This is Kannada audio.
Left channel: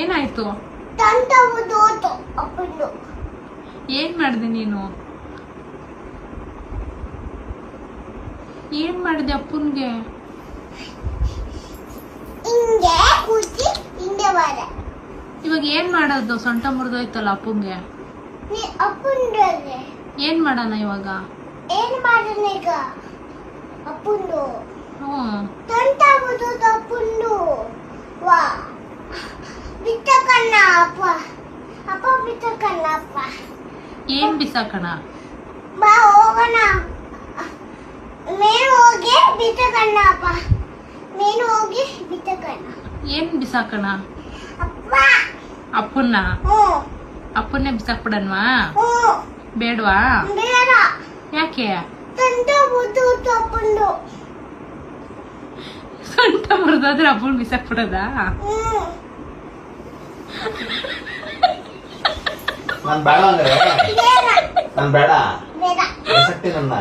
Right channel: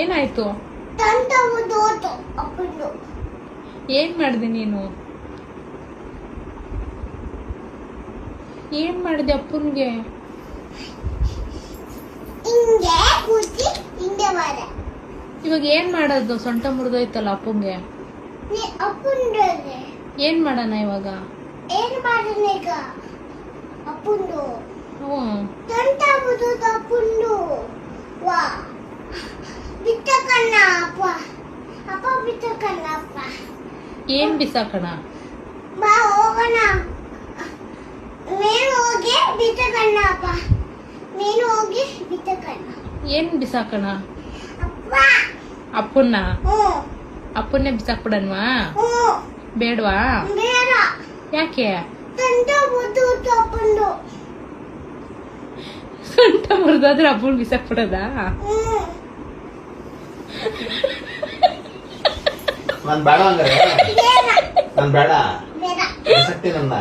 ಏನಾಯ್ತು? ಏನ್ ಮಾಡ್ದಿ ನೀನು? ಏನ್ ಮಾಡಿದೆ ಅಪ್ಪನ್ಗೆ? ಇವಾಗ ಏನ್ ಮಾಡೋದು? ಸೊಂಟ ಮುರಿದೋಯ್ತಲ್ಲ ಅಪ್ಪಂಗೆ. ಏನ್ ಮಾಡೋಣ ಇವಾಗ? ಏನ್ ಮಾಡೋಣ ಈಗ? ಅಪ್ಪಂದು ಸೊಂಟ ಮುರಿದೋಯ್ತು. ಅಪ್ಪಂದು ವಾ ಬಿತ್ತಕಣ್ಣ ಅಪ್ಪ. ಅಪ್ಪ ಬಿತ್ತಕಣ್ಣ ಅಪ್ಪ. ಏನ್ ಬಿಸಾಕಣ? ಬಾ ಹೋಗೋಣ. ನೀನು ಹೋಗಿ ಬಿತ್ತಕಣ್ಣ ಅಪ್ಪ. ನೀನು ಹೋಗಿ ಬಿತ್ತಕಣ್ಣ. ಏನ್ ಬಿಸಾಕಣ? ಅಪ್ಪ. ಅಪ್ಪನ್ನ? ಅಪ್ಪನ್ನೇ ಬಿಸಾಕ್ಬಿಡನ್ವಾ? ಬೇಡ್ವಾ? ಬೇಡ. ಯಾಕೆ? ಸೊಂಟ ಮುರಿದೋಯ್ತು ಅಪ್ಪಂದು. ಸೊಂಟ ಮುರಿದಾದ್ರೆ ಅಪ್ಪನ್ ಬಿಸಾಕ್ಬಿಡದ? ನಾನ್ ಬೇಡ ಅಂದ್ರೆ ಬೇಡ. ನಾನ್ ಬೇಡ ಬೇಡ. ಬಿಸಾಕ್ತೀನಿ ನನ್ನ.